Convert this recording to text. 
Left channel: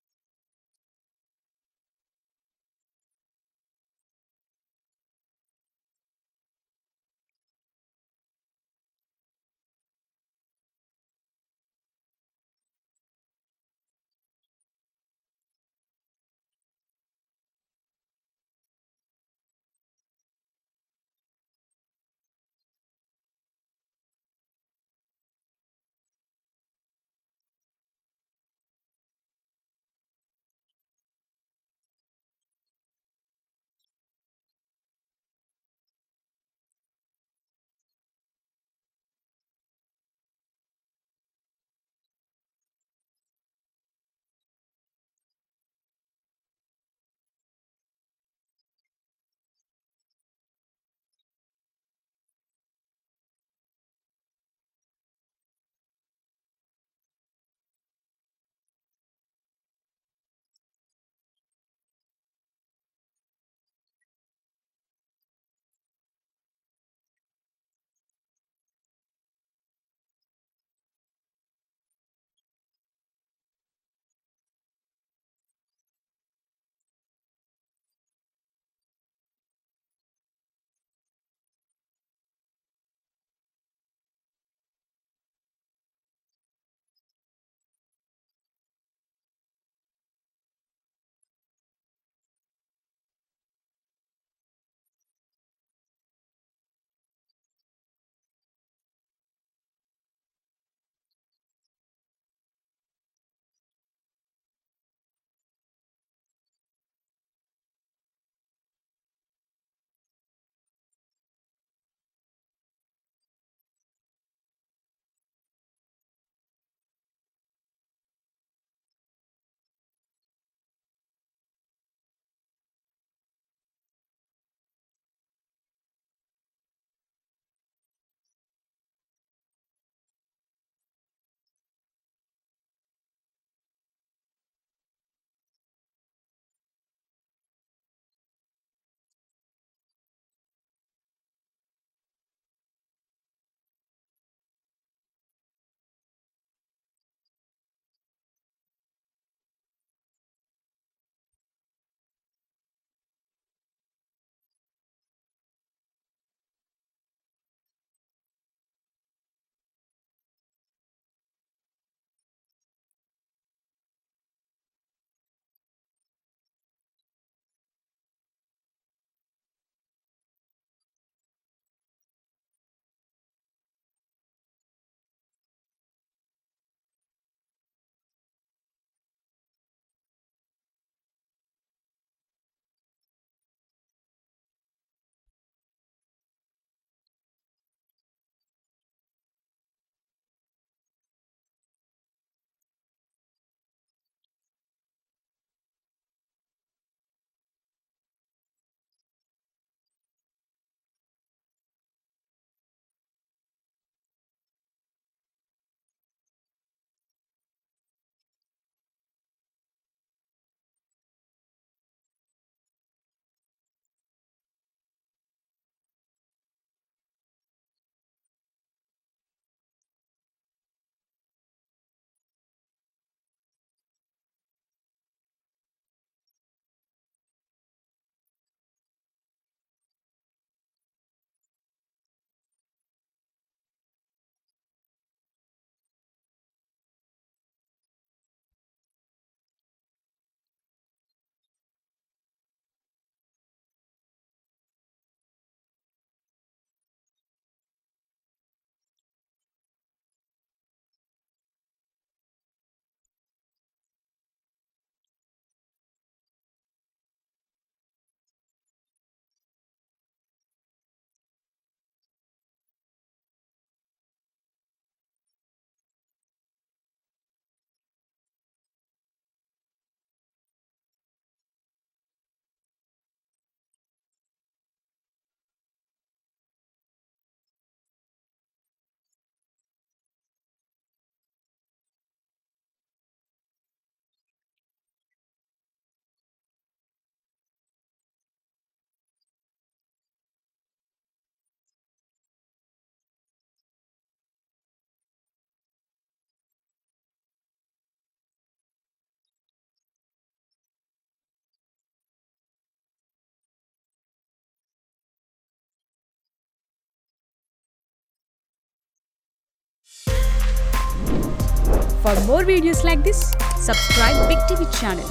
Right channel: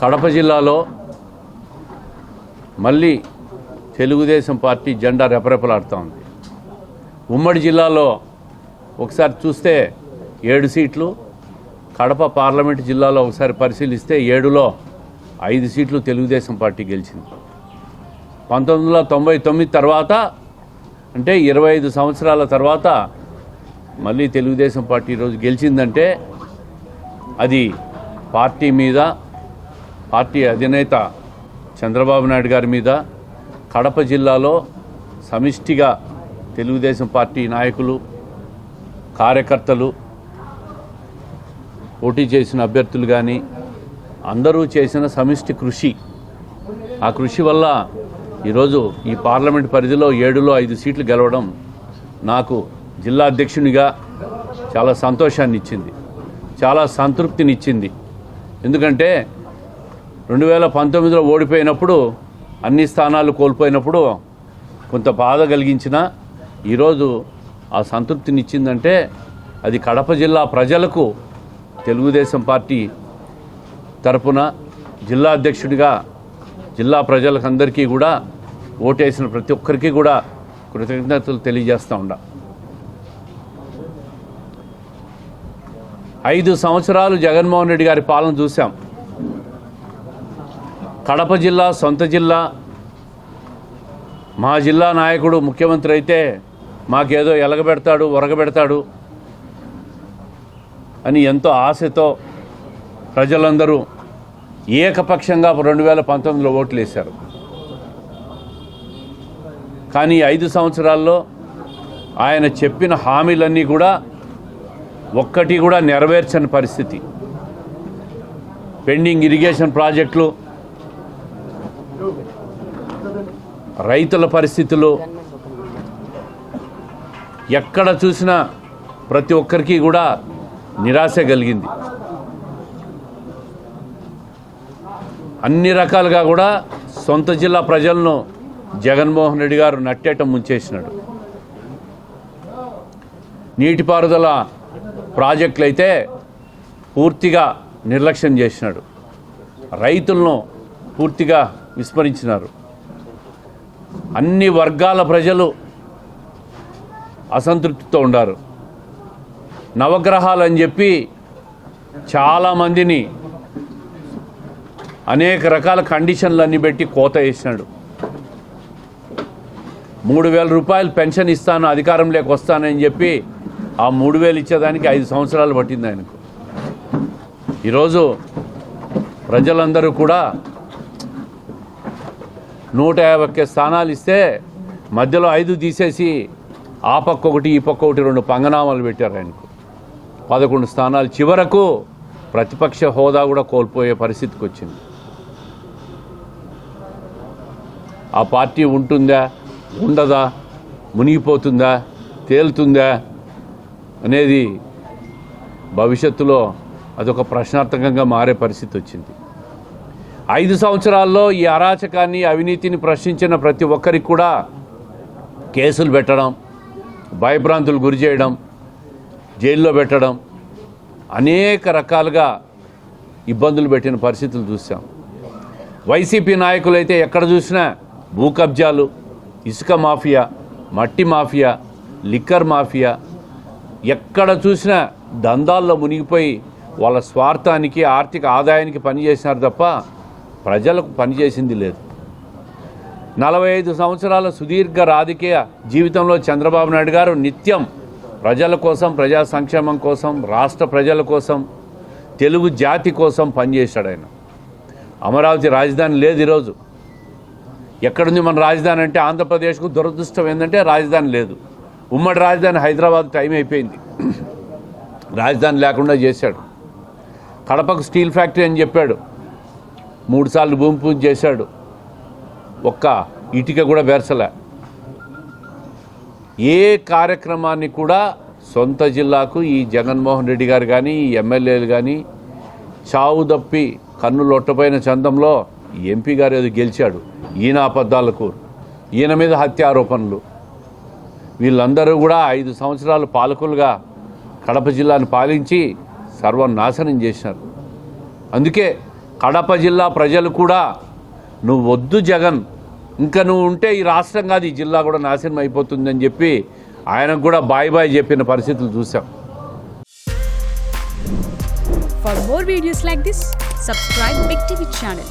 కడప జిల్లాలో మళ్ళీ తెలుగుదేశం పార్టీ జెండా రెపరెపలాడుతూ ఉంది. ఉమ్మడి జిల్లాలో ఒకసారి చూస్తే 7 సీట్లు, కడప పార్లమెంటు జిల్లాలో ఒకసారి పరిశీలిస్తే 7లో 5 సీట్లు తెలుగుదేశం పార్టీ గెలిచింది. 1999 తర్వాత అంటే 25 సంవత్సరాల తర్వాత మళ్ళీ తెలుగుదేశం పార్టీ ఈరోజు గెలిచిందంటే అది పార్టీ మీద, పార్టీ అధినేత చంద్రబాబు నాయుడు గారి మీద, కడప జిల్లాలో సమిష్టిగా తెలుగుదేశం పార్టీ నాయకులు, కార్యకర్తలు, పోటీ చేసిన అభ్యర్థులు కానీ అందరూ చేసిన సమిష్టి కృషి. ఆ కృషి వల్ల ఈరోజు ఈ పార్లమెంట్ పరిధిలో 7లో 5 సీట్లు గెలవడం నాకు జిల్లా అధ్యక్షునిగా చాలా సంతోషాన్ని ఇచ్చింది, చాలా సంతృప్తినిచ్చింది. ఎందుకంటే 2019లో ఓడిపోయినప్పుడు, అన్ని స్థానాలు కోల్పోయినప్పుడు కొంత బాధ కలిగించిన ఈరోజు ఆ సంతృప్తినిచ్చిందంటే అది కడప జిల్లా ప్రజలకు తెలుగుదేశం పార్టీ తరపున జిల్లా అధ్యక్షుడిగా జిల్లా ప్రజలకందరికీ కూడా ఓటేసిన ప్రతి ఒక్కరికి కూడా కృతజ్ఞతలు తెలియజేస్తూ ఉండా. 5 సంవత్సరాలు జగన్మోహన్ రెడ్డి గారి పాలన చూసాం. కడప జిల్లా సొంత జిల్లా, మా జిల్లా నాయకుడు ముఖ్యమంత్రి అయితే మాకేదో ఎలగబెడతాడు, ఒరగబెడతాడు అని ఎంతో ఆశతో ప్రజలందరూ ఏకపక్షంగా 2019లో ఓట్లు వేశారు. కానీ 5 సంవత్సరాల్లో ఆయన చెప్పిన హామీలన్నీ కూడా ఒక్కటి కూడా నెరవేర్చని పరిస్థితి. పెండింగ్ ఇరిగేషన్ ప్రాజెక్టులు, రైతుల పరిస్థితులు, ఎక్కడ చూసినా ప్రతి ఒక్కరికి కూడా నిరాశ కలిగింది. అన్ని రకాలుగా కూడా సొంత జిల్లా ప్రజలను జగన్మోహన్ రెడ్డి గారు నట్టేట ముంచేసినాడు. నీటిపారుదల ప్రాజెక్టులు అయితే పూర్తిగా నిర్లక్ష్యం చేసినాడు. రైతులను పూర్తిగా విస్మరించినారు. అన్ని వర్గాల ప్రజలు అసంతృప్తితో ఉన్నారు. నవగ్రహాలు అని చెప్పి చాలామందిని అనేక రకాల కండిషన్లన్నీ పెట్టి కోత వేసినాడు. 3,000 రూపాయలు పెన్షన్ ఇస్తాను, అధికారంలోకి వస్తానని చెప్పి ఆ 3,000 ఇచ్చేదానికి 5 సంవత్సరాలు పట్టింది ఆయనకు. ఈరోజు ప్రజలందరూ కూడా 151 స్థానాలు ఇస్తే మధ్యలో 5 తీసేసి ఆ పక్క ఒకటి, ఈ పక్క ఒకటి 2 పంగనామాలు పెట్టారు ఆయనకు. 11 స్థానాలు, చివరకు ప్రతిపక్ష హోదా కూడా కోల్పోయే పరిస్థితికి వచ్చింది. ఆ పార్టీ ఉంటుందా, ఉండదా, మునిగిపోతుందా, తేలుతుందా అనేది భవిష్యత్తులో అదొక ప్రశ్నార్థకంగా మారే పరిస్థితి వచ్చింది. 5 సంవత్సరాల్లో ఈ అరాచకాన్ని, అవినీతిని ప్రశ్నించిన ప్రతి ఒక్కరికి కూడా కేసులు పెట్టడం, భయభ్రాంతులు గురి చేయడం, జైల్లో పెట్టడం, అనేక రకాలుగా ఇబ్బందులు పెట్టిన పరిస్థితులు చూసాం. వైసీపీ నాయకులైతే ఎక్కడ చూసినా భూ కబ్జాలు, ఇసుక మాఫియా, మట్టి మాఫియా, లిక్కర్ మాఫియా, ఎక్కడ చూసినా దందాల్లో మునిగిపోయి వాళ్ళ స్వార్థానికి, ఆర్థిక ఆదాయానికి పనిచేసినారు తప్ప ప్రజలకు పనిచేసింది లేదు. 45 సంవత్సరాల సుదీర్ఘ రాజకీయ జీవితంలో చంద్రబాబు నాయుడు గారు నిత్యం ప్రజల కోసం, ప్రజా సంక్షేమం కోసం, రాష్ట్ర ప్రజల కోసం, తెలుగు జాతి కోసం పనిచేశాడు ఆయన. అమరావతి రాజధాని లేదు ఈరోజు. ఎక్కడుంది మన రాజధాని అంటే ఆంధ్రప్రదేశ్కు దురదృష్టం ఏంటంటే రాజధాని లేదు. ఉమ్మడి రాజధాని హైదరాబాద్ టైం అయిపోయింది, రాజధాని లేకుండా చేశాడు. కడపకు స్టీల్ ఫ్యాక్టరీ అని చెప్పాడు, 3 సార్లు భూమి పూజ చేశాడు, ఒక్క ఇటుక కూడా బెరసలే. ఏ కార్యక్రమాన్ని కూడా సొంత జిల్లాకు ఈ జగన్మోహన్ రెడ్డి గారు కానీ, ఈ ఎమ్మెల్యేలు కానీ చావు తప్పి కన్ను లొట్టపోయిన చందంలో ఎంపీ గారు ఏదో గెలిచాడు, ఈయన అబద్ధాలకు, ఈయన మీద హత్య ఆరోపణలు, వీళ్ళందరూ కూడా 5 సంవత్సరాలు పాలకులుగా కడప జిల్లాను పాలించి సర్వనాశనం చేసినారు. అందుకే కడప జిల్లా ప్రజలు కూడా నువ్వు వద్దు జగన్, ఇంకా నువ్వు ఉంటే ఈ రాష్ట్రం కాదు ఈ జిల్లా కూడా నాశనం అయిపోతుందని చెప్పి ఆయనకు కూడా బాయ్ బాయ్ చెప్పిన పరిస్థితులు చూసాం. For more videos like this, subscribe Big TV channel.